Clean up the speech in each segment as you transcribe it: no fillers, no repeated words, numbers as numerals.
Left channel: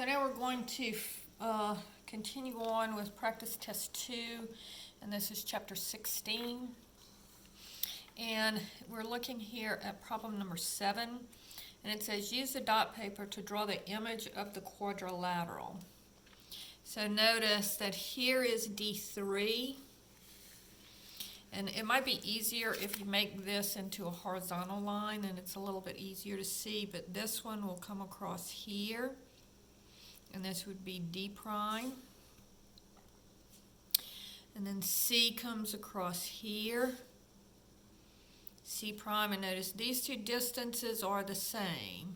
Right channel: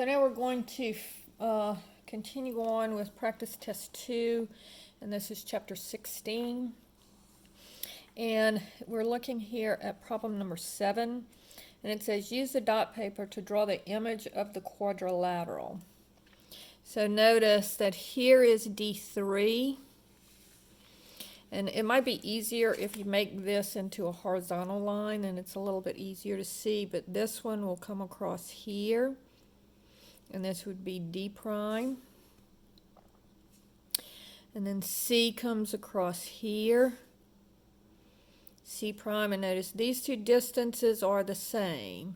So now we're going to continue on with practice test 2, and this is chapter 16. And we're looking here at problem number 7, and it says use the dot paper to draw the image of the quadrilateral. So notice that here is D3, and it might be easier if you make this into a horizontal line, and it's a little bit easier to see, but this one will come across here. And this would be D prime. And then C comes across here. C prime, and notice these two distances are the same.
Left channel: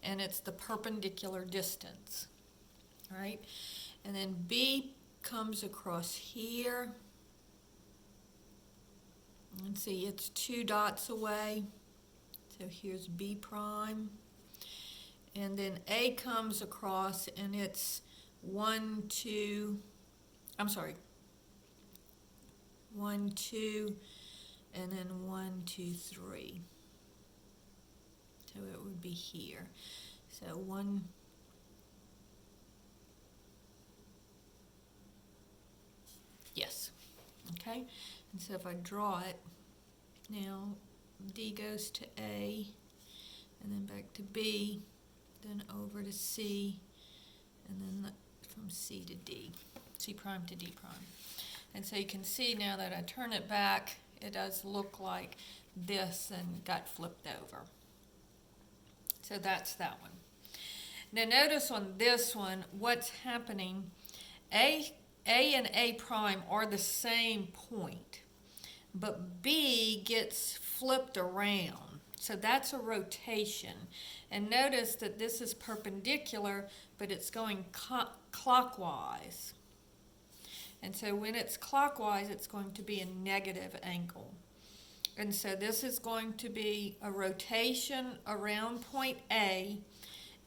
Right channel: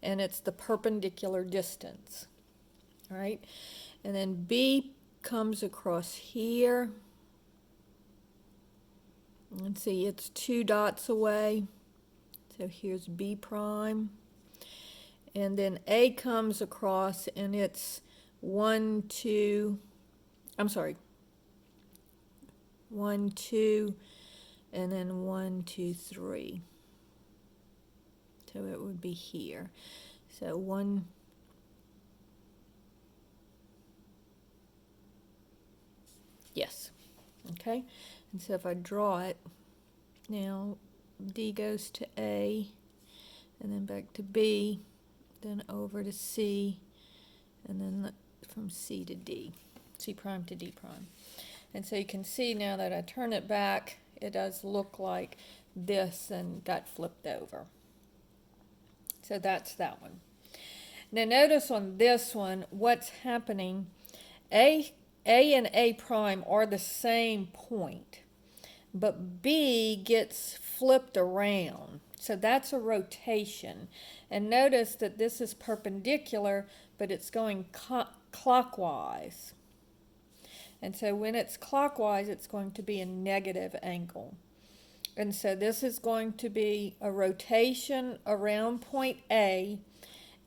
And it's the perpendicular distance. All right? And then B comes across here. And see, it's 2 dots away. So here's B prime. And then A comes across, and it's 1, 2, and then 1, 2, 3. So it would be here. So 1, yes, okay. And so if I draw it, now D goes to A, and then back to B, then over to C, and then from C to D, C prime to D prime. And so you can see now that I turn it back, it does look like this and got flipped over. So that's that one. Now notice on this one, what's happening, A and A prime are the same point, but B gets flipped around. So that's a rotation. And notice that this is perpendicular, but it's going clockwise. And so when it's clockwise, it's going to be a negative angle. And so this is going to be a rotation around point A,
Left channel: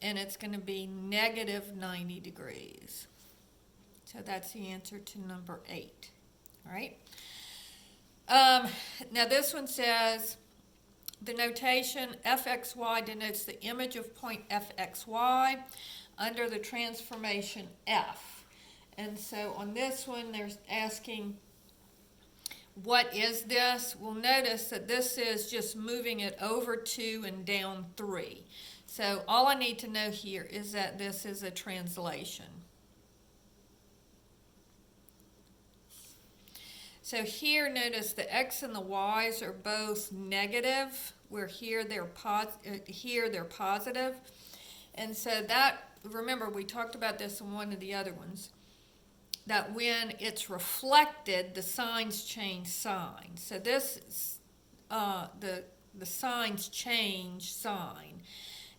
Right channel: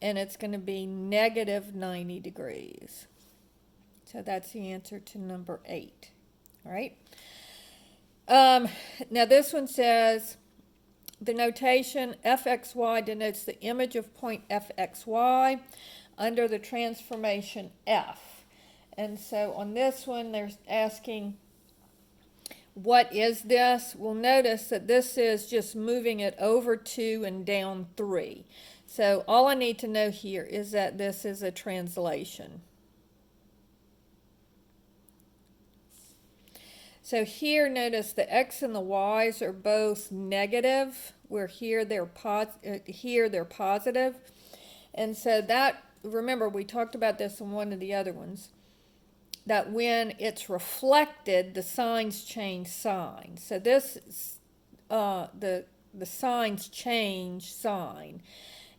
and it's going to be negative 90 degrees. So that's the answer to number 8. All right. Now this one says, the notation fxy denotes the image of point fxy under the transformation f. And so on this one, they're asking, what is this? Well, notice that this is just moving it over 2 and down 3. So all I need to know here is that this is a translation. So here, notice the x and the y's are both negative, where here they're positive. And so that, remember, we talked about this in one of the other ones, that when it's reflected, the signs change sign. So this, the signs change sign.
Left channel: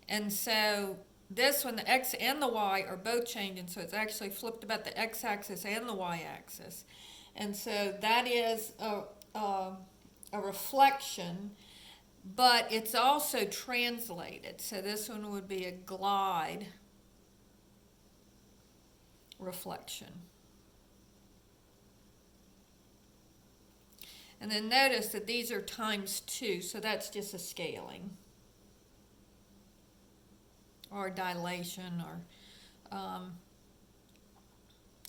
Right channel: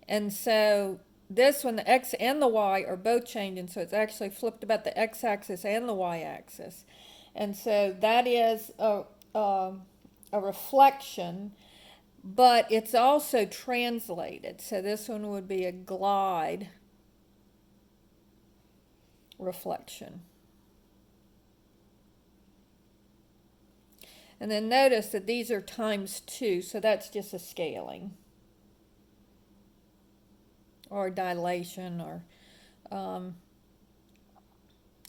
And so this one, the x and the y are both changing, so it's actually flipped about the x-axis and the y-axis. And so that is a reflection, but it's also translated. So this one would be a glide reflection. And then notice that these are times 2, so that's just a scaling or dilation or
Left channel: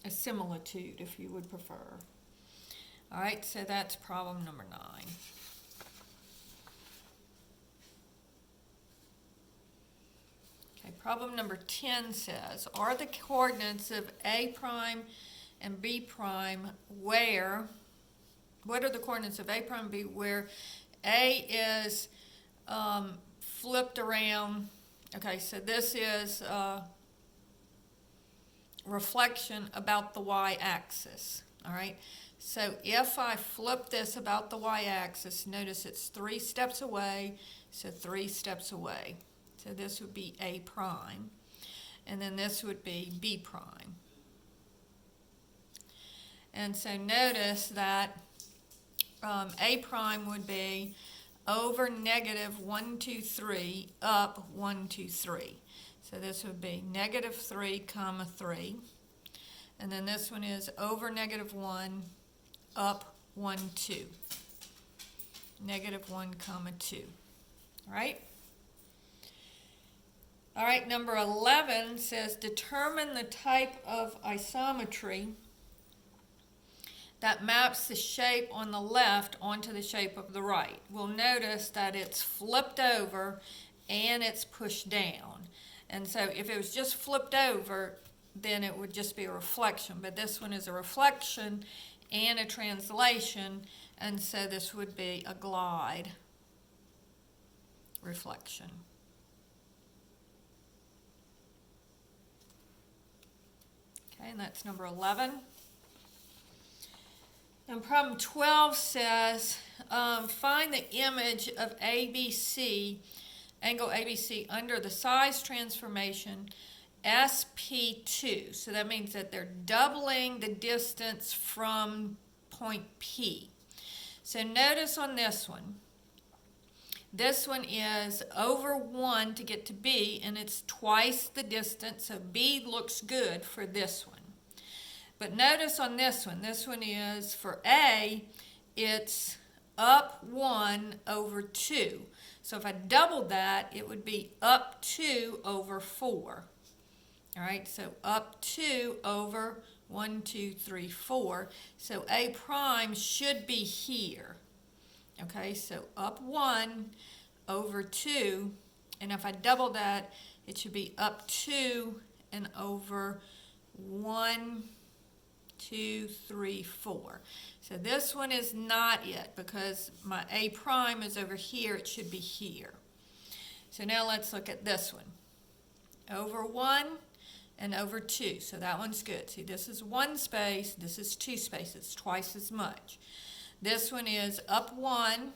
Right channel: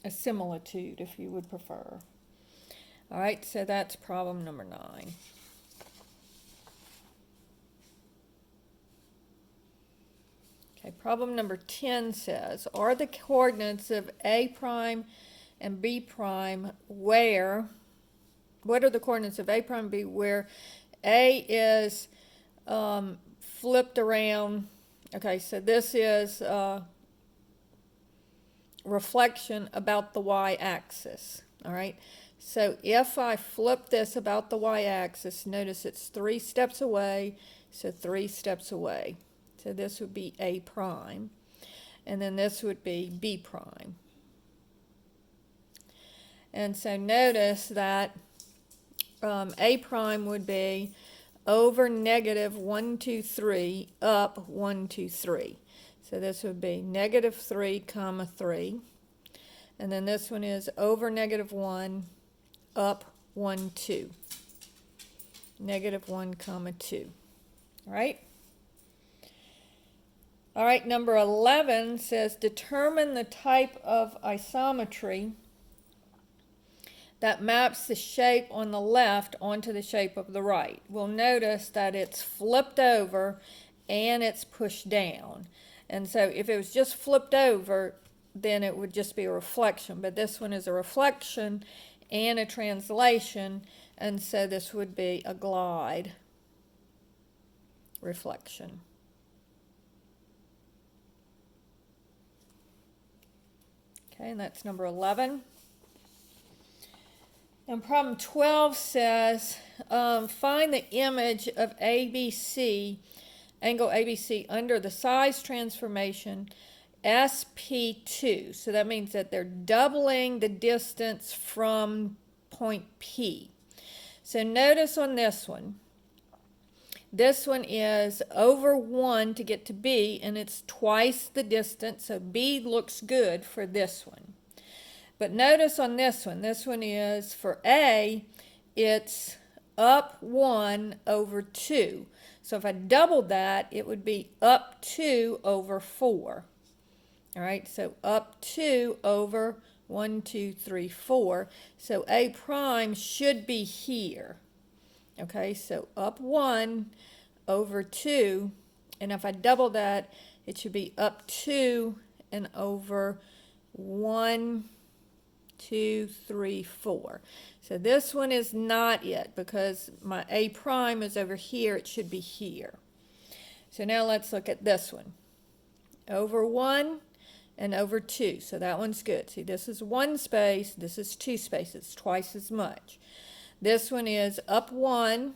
a similitude, if you would prefer. All right, so that's problem number 9. Okay, problem number 10 says, are the coordinates of A prime and B prime where, what are the coordinates of A prime and B where A is flipped around? Okay, so this is reflection about the y-axis, all right? So if I flip this about the y-axis, notice it's 3 steps away, so 3 steps away. So this would be A prime, and then this would be B prime. And so notice that A prime would be over negative 1, 2, 3, up 1, 2, 3. So this would be negative 3, comma 3. And then this one is over negative 1, up 1, 2. Negative 1, comma 2. All right? All right, number 11 says determine the type of isometry that maps the shape on the left onto the shape of the right. We'll notice that it's flipped over and it's pushed down. And so if it was just flipped over, then it would just be a reflection. But this one is a reflection and a translation, and so this would be a glide reflection. Okay, and that's number 11. And problem 12 says, find the image of ABC, angle ABC, under the size transformation SP2. So that means that they're doubling the distance from point P. So notice on this one is over 1 to get to B, and it's twice the distance, so B looks good for this one. But notice on this one is for A, it's up 1 over 2. So if I doubled that, it would be up 2 over 4. All right, so up 2 over 1, 2, 3, 4. So A prime should be here. Okay, so up 1 over 2, and if I double that, it should be up 2 and over 1, 2, 3, 4. So this one is not it because my A prime is over here. It should be here. So now let's look at this one. Over 1 and over 2. So that one's good. See, this is 1 space. This is 2 spaces, twice as much. This one is up 1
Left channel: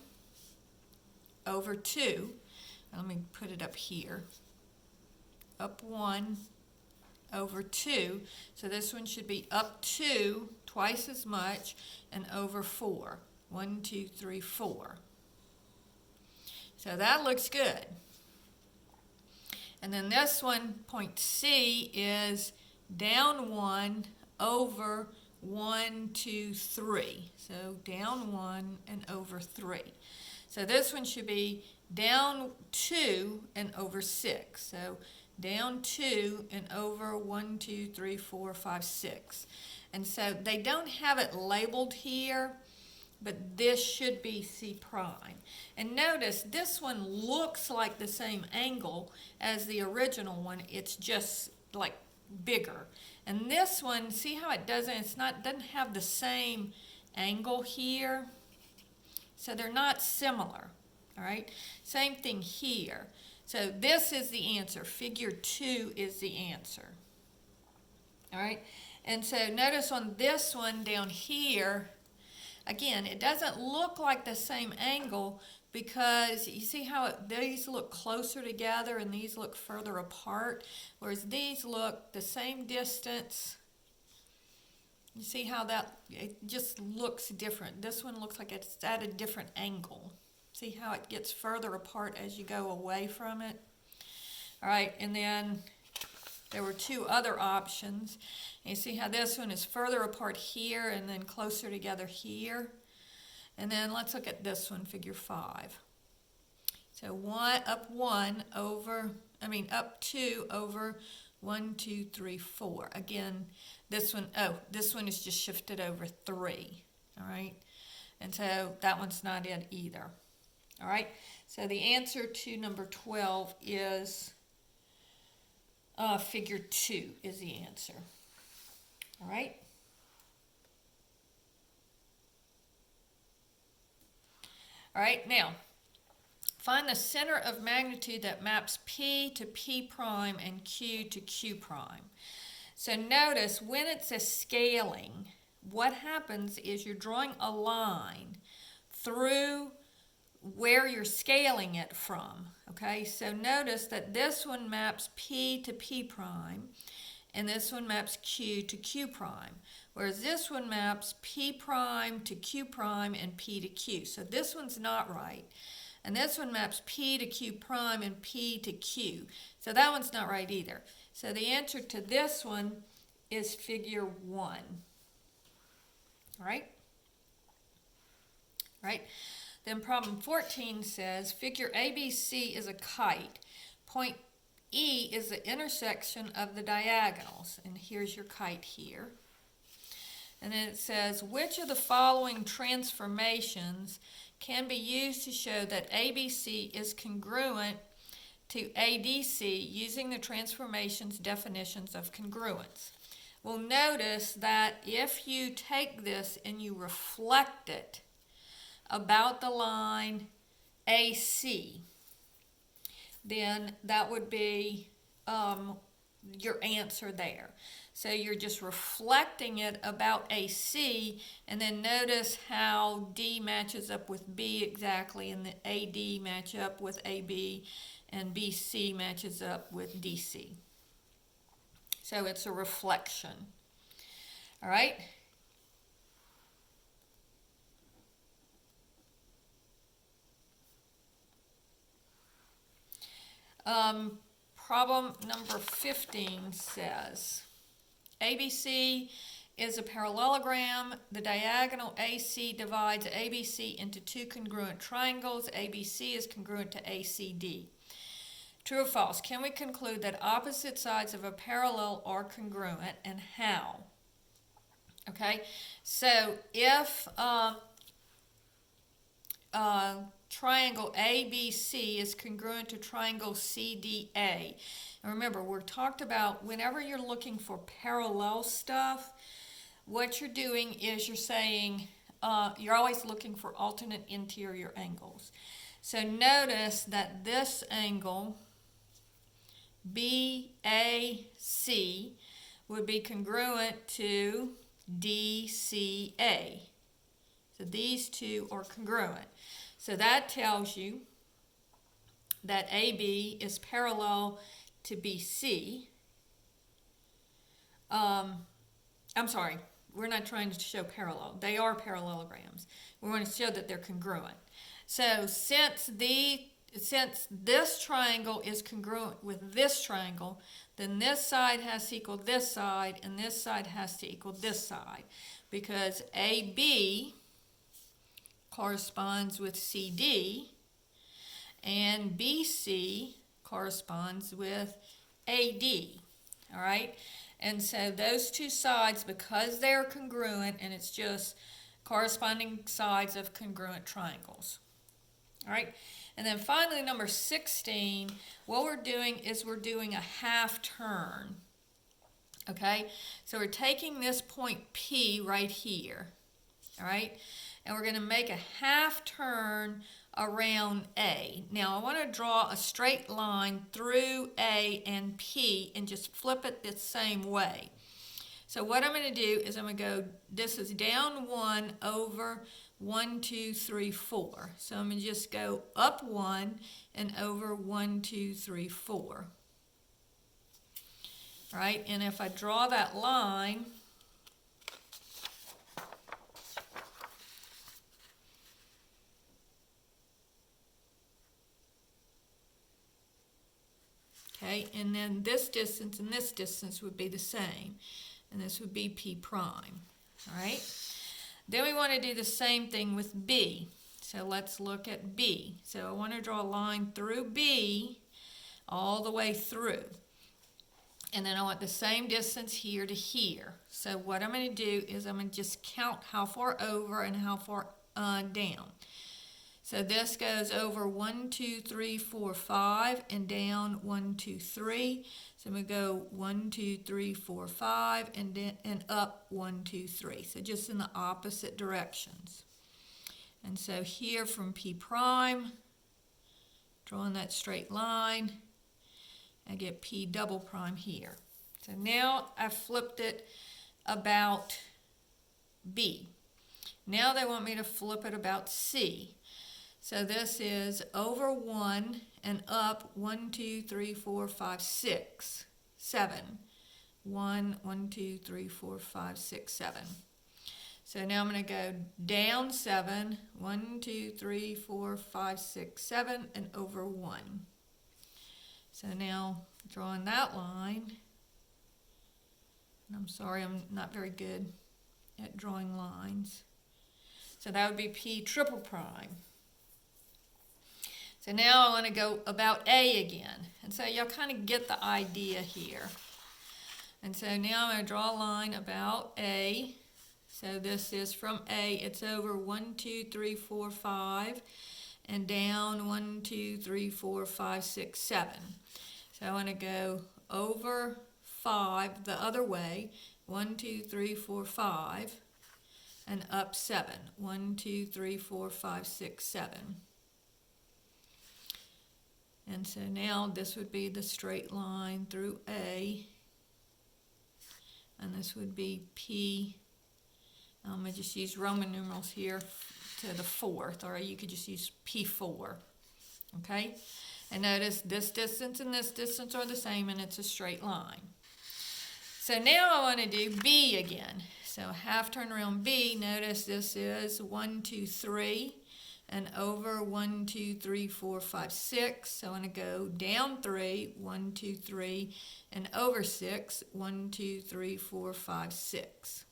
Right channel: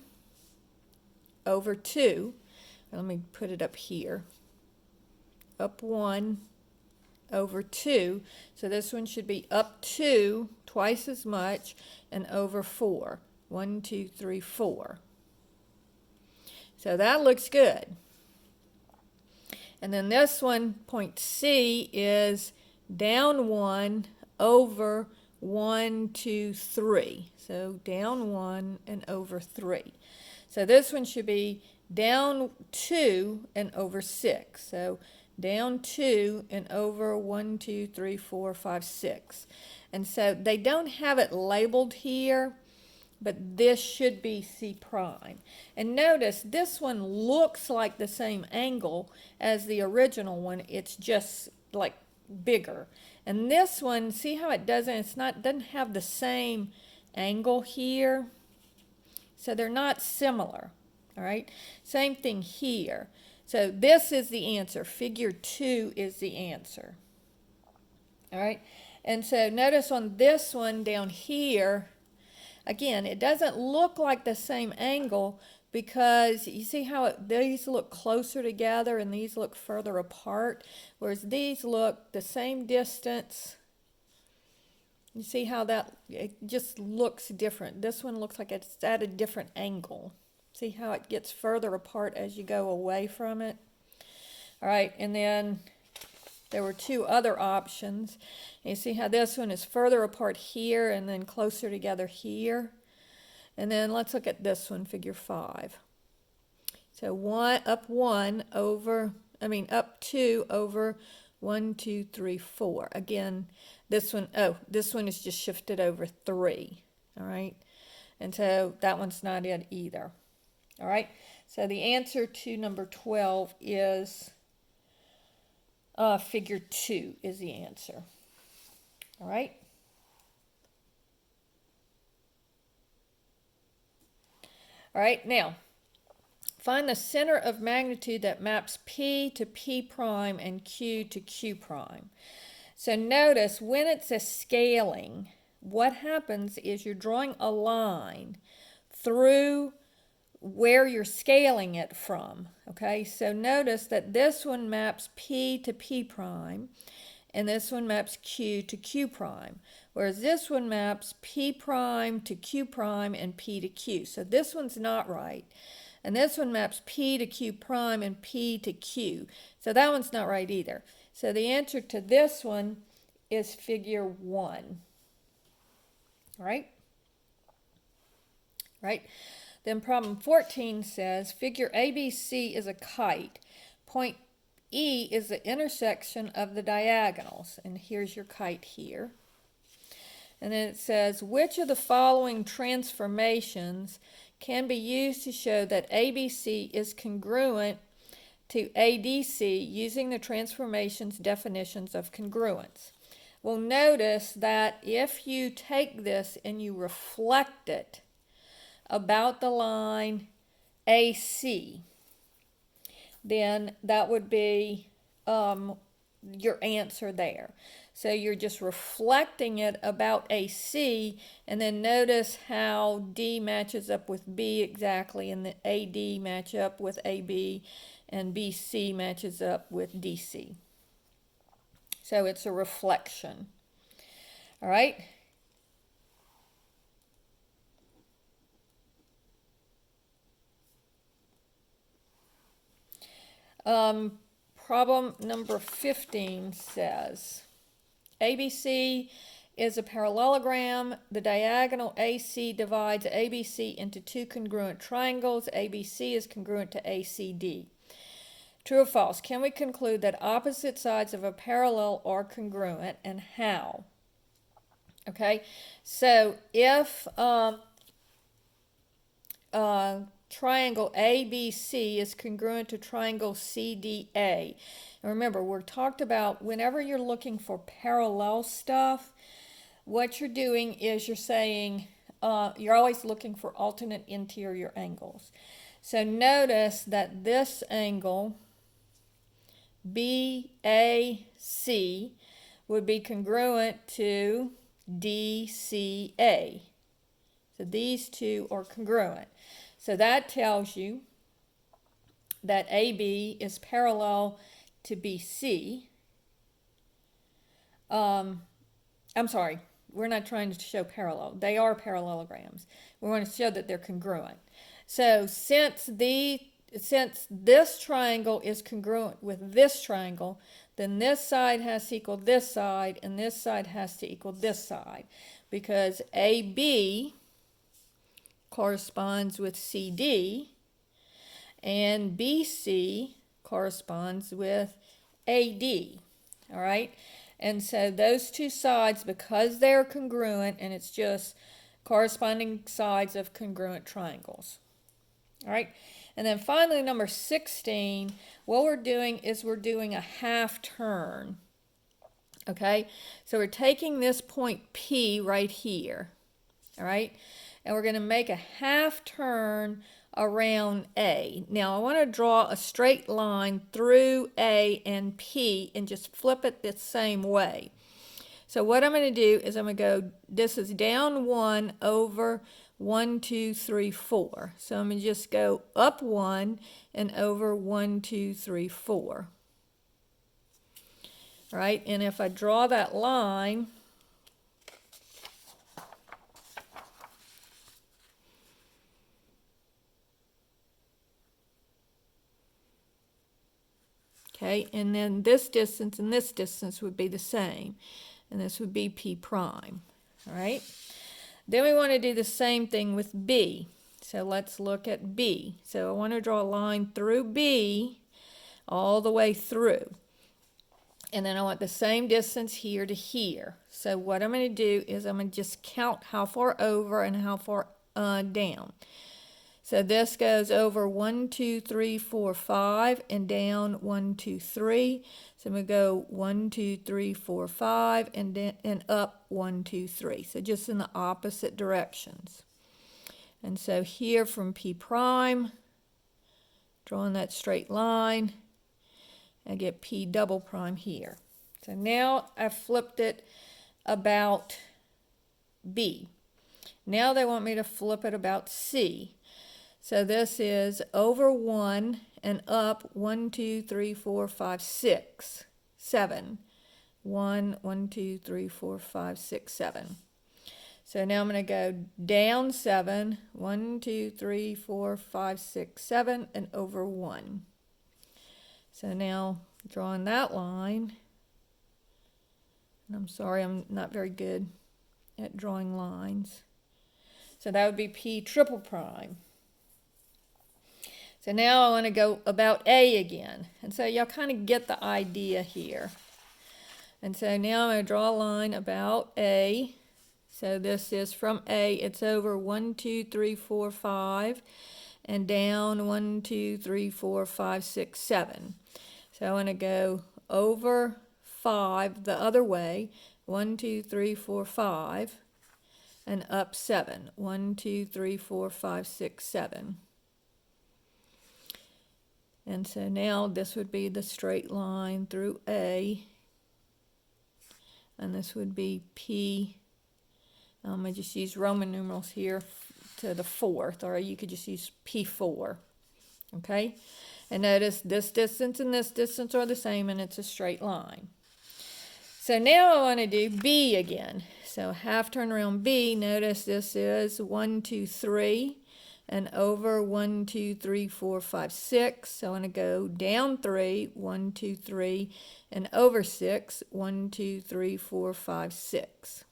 over 2. Let me put it up here. Up 1 over 2. So this one should be up 2, twice as much, and over 4. 1, 2, 3, 4. So that looks good. And then this one, point C, is down 1 over 1, 2, 3. So down 1 and over 3. So this one should be down 2 and over 6. So down 2 and over 1, 2, 3, 4, 5, 6. And so they don't have it labeled here, but this should be C prime. And notice this one looks like the same angle as the original one. It's just like bigger. And this one, see how it doesn't have the same angle here. So they're not similar. All right. Same thing here. So this is the answer. Figure 2 is the answer. All right. And so notice on this one down here, again, it doesn't look like the same angle because you see how these look closer together and these look further apart, whereas these look the same distance. You see how it just looks different. This one looks like it's at a different angle. See how it gets further apart as you go away from it? All right, and then there were 2 other options. You see how this one is further apart here and then closer together here? And then let's look at this one, figure 5. So up 2 over 1, 2, 3, 4. Again, this one is just shifted over 3. All right, and so that one's not it either. All right, so the answer to number 12 is figure 2 is the answer. All right. All right, now find the center of magnitude that maps P to P prime and Q to Q prime. So notice when it's a scaling, what happens is you're drawing a line through where you're scaling it from. Okay, so notice that this one maps P to P prime and this one maps Q to Q prime, whereas this one maps P prime to Q prime and P to Q. So this one's not right. And this one maps P to Q prime and P to Q. So that one's not right either. So the answer to this one is figure 1. All right? Right? Then problem 14 says, figure ABC is a kite. Point E is the intersection of the diagonals. And here's your kite here. And then it says, which of the following transformations can be used to show that ABC is congruent to ADC using the transformations definitions of congruence? Well, notice that if you take this and you reflect it about the line AC, then that would be your answer there. So you're just reflecting it about AC, and then notice how D matches up with B exactly, and the AD match up with AB, and BC matches up with DC. So it's a reflection. All right? Problem number 15 says, ABC is a parallelogram. The diagonal AC divides ABC into two congruent triangles. ABC is congruent to ACD. True or false? Can we conclude that opposite sides of a parallel are congruent, and how? Okay, so if triangle ABC is congruent to triangle CDA. And remember, we're talked about whenever you're looking for parallel stuff, what you're doing is you're saying, you're always looking for alternate interior angles. So notice that this angle, BAC, would be congruent to DCA. So these two are congruent. So that tells you that AB is parallel to BC. I'm sorry, we're not trying to show parallel. They are parallelograms. We want to show that they're congruent. So since this triangle is congruent with this triangle, then this side has to equal this side, and this side has to equal this side, because AB corresponds with CD, and BC corresponds with AD, all right? And so those two sides, because they're congruent, and it's just corresponding sides of congruent triangles, all right? And then finally, number 16, what we're doing is we're doing a half turn, okay? So we're taking this point P right here, all right? And we're going to make a half turn around A. Now I want to draw a straight line through A and P and just flip it the same way. So what I'm going to do is I'm going to go, this is down 1 over 1, 2, 3, 4. So I'm going to just go up 1 and over 1, 2, 3, 4. All right, and if I draw that line, okay, and then this distance and this distance would be the same, and this would be P prime, all right? Then we want to do the same thing with B. So let's look at B. So I want to draw a line through B all the way through. And then I want the same distance here to here. So what I'm going to do is I'm going to just count how far over and how far down. So this goes over 1, 2, 3, 4, 5, and down 1, 2, 3. So I'm going to go 1, 2, 3, 4, 5, and up 1, 2, 3. So just in the opposite directions. And so here from P prime, drawing that straight line, I get P double prime here. So now I've flipped it about B. Now they want me to flip it about C. So this is over 1 and up 1, 2, 3, 4, 5, 6, 7. 1, 1, 2, 3, 4, 5, 6, 7. So now I'm going to go down 7, 1, 2, 3, 4, 5, 6, 7, and over 1. So now drawing that line, and I'm sorry, I'm not very good at drawing lines. So that would be P triple prime. So now I want to go about A again. And so y'all kind of get the idea here. And so now I'm going to draw a line about A. So this is from A, it's over 1, 2, 3, 4, 5, and down 1, 2, 3, 4, 5, 6, 7. So I want to go over 5 the other way, 1, 2, 3, 4, 5, and up 7, 1, 2, 3, 4, 5, 6, 7. And so now this would be the straight line through A, and this would be P. I just use Roman numerals here to the 4th, or you could just use P4, okay? And notice this distance and this distance are the same, and it's a straight line. So now I want to do B again. So half turn around B, notice this is 1, 2, 3, and over 1, 2, 3, 4, 5, 6. So I want to go down 3, 1, 2, 3, and over 6, 1, 2, 3, 4, 5, 6.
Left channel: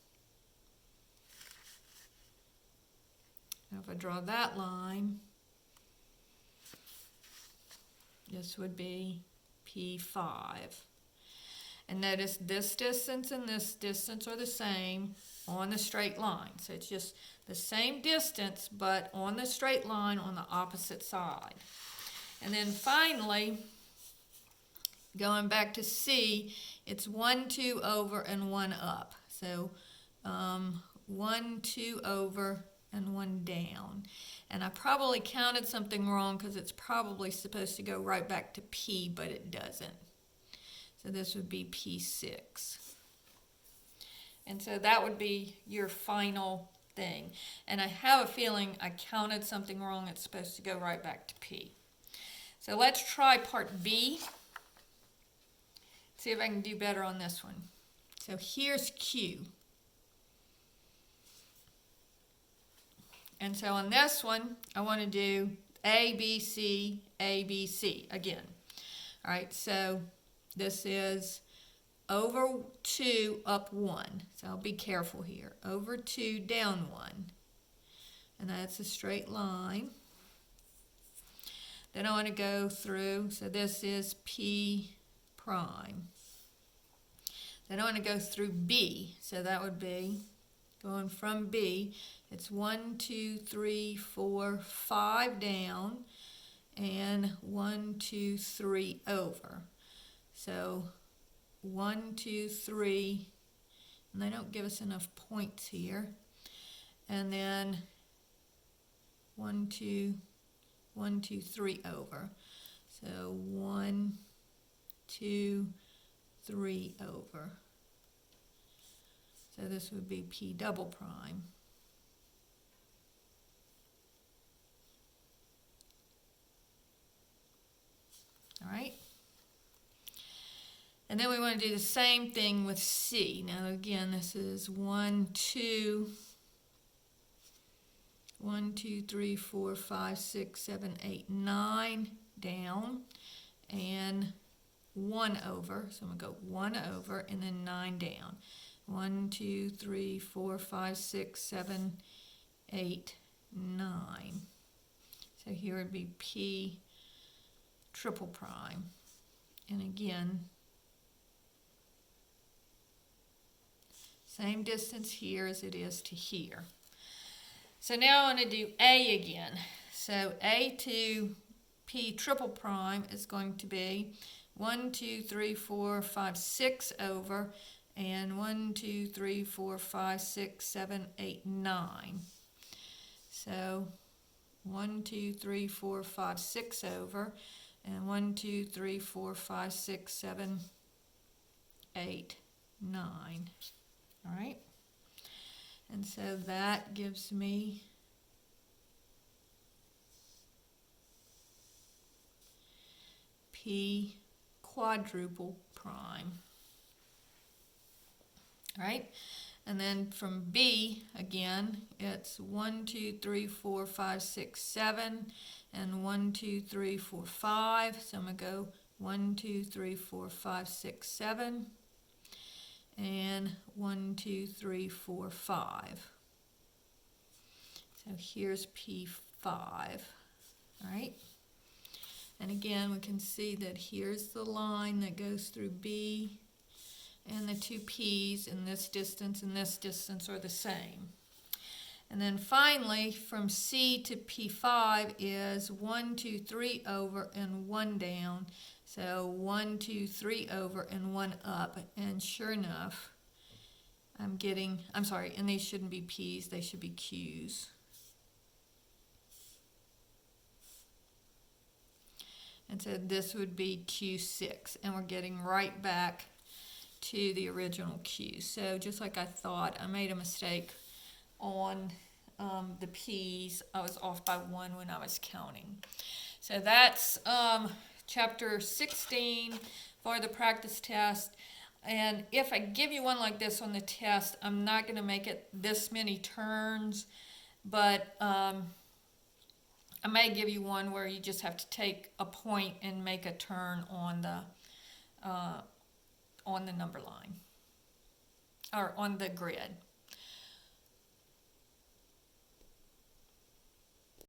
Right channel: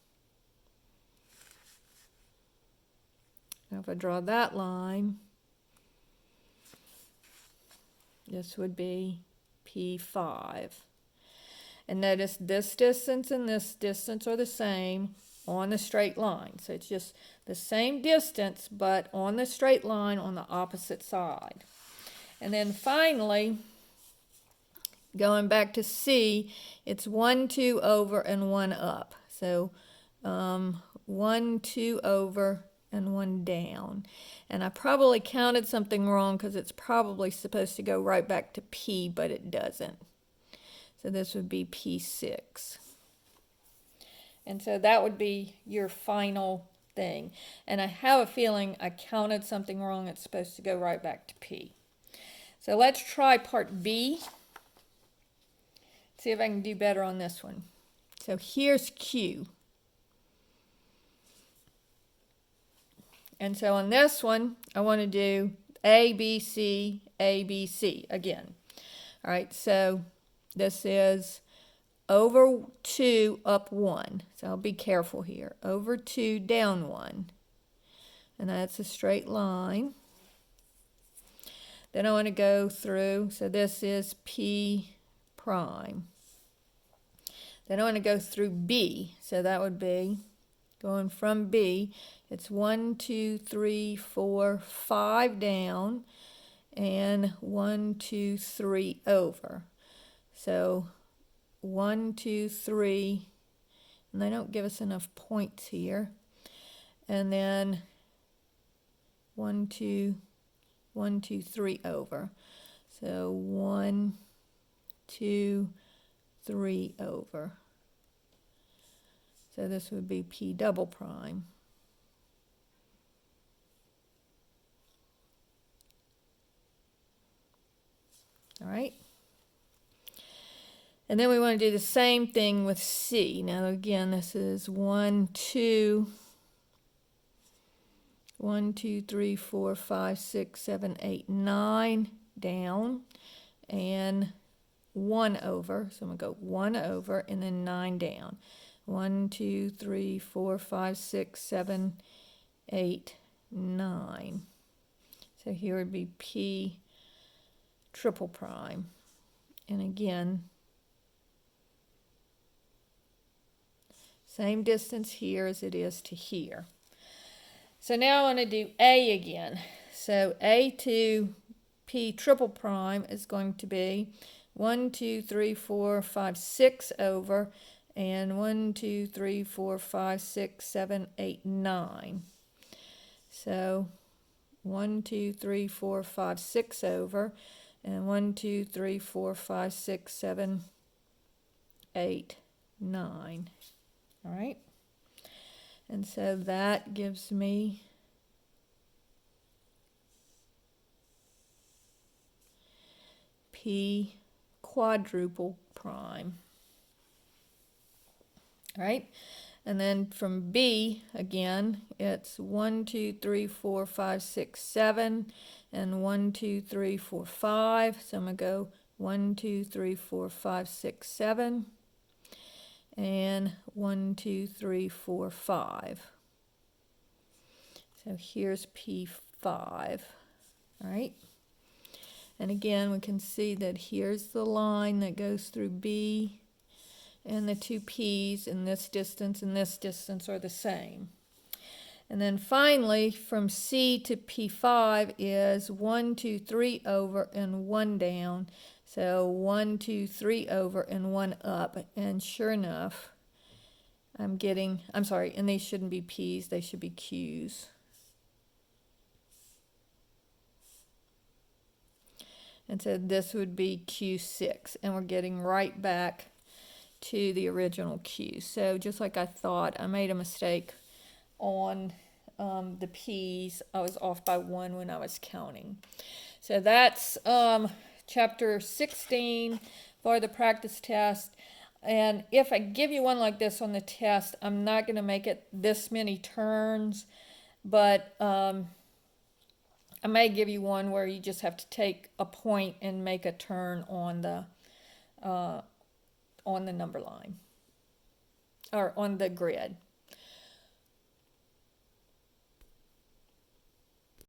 Now if I draw that line, this would be P5. And notice this distance and this distance are the same on the straight line. So it's just the same distance, but on the straight line on the opposite side. And then finally, going back to C, it's 1, 2 over and 1 up. So 1, 2 over and 1 down. And I probably counted something wrong because it's probably supposed to go right back to P, but it doesn't. So this would be P6. And so that would be your final thing. And I have a feeling I counted something wrong. It's supposed to go right back to P. So let's try part B. See if I can do better on this one. So here's Q. And so on this one, I want to do A, B, C, A, B, C again. All right, so this is over 2, up 1. So I'll be careful here. Over 2, down 1. And that's a straight line. Then I want to go through, so this is P prime. Then I want to go through B. So that would be going from B. It's 1, 2, 3, 4, 5 down, and 1, 2, 3 over. So 1, 2, 3, and they don't give us enough points here. And then 1, 2, 1, 2, 3 over. So 1, 2, 3 over. So this would be P double prime. All right. And then we want to do the same thing with C. Now again, this is 1, 2, 1, 2, 3, 4, 5, 6, 7, 8, 9 down, and 1 over. So I'm going to go 1 over and then 9 down. 1, 2, 3, 4, 5, 6, 7, 8, 9. So here would be P triple prime. And again, same distance here as it is to here. So now I want to do A again. So A to P triple prime is going to be 1, 2, 3, 4, 5, 6 over, and 1, 2, 3, 4, 5, 6, 7, 8, 9. So 1, 2, 3, 4, 5, 6 over, and 1, 2, 3, 4, 5, 6, 7, 8, 9. All right. And so that gives me P quadruple prime. All right. And then from B, again, it's 1, 2, 3, 4, 5, 6, 7, and 1, 2, 3, 4, 5. So I'm going to go 1, 2, 3, 4, 5, 6, 7, and 1, 2, 3, 4, 5. So here's P5. All right. And again, we can see that here's the line that goes through B and the two P's, and this distance are the same. And then finally, from C to P5 is 1, 2, 3 over and 1 down. So 1, 2, 3 over and 1 up. And sure enough, I'm sorry, and these shouldn't be P's, they should be Q's. And so this would be Q6, and we're getting right back to the original Q. So just like I thought, I made a mistake on the P's. I was off by 1 when I was counting. So that's chapter 16 for the practice test. And if I give you one like this on the test, I'm not going to make it this many turns, but I may give you one where you just have to take a point and make a turn on the number line or on the grid.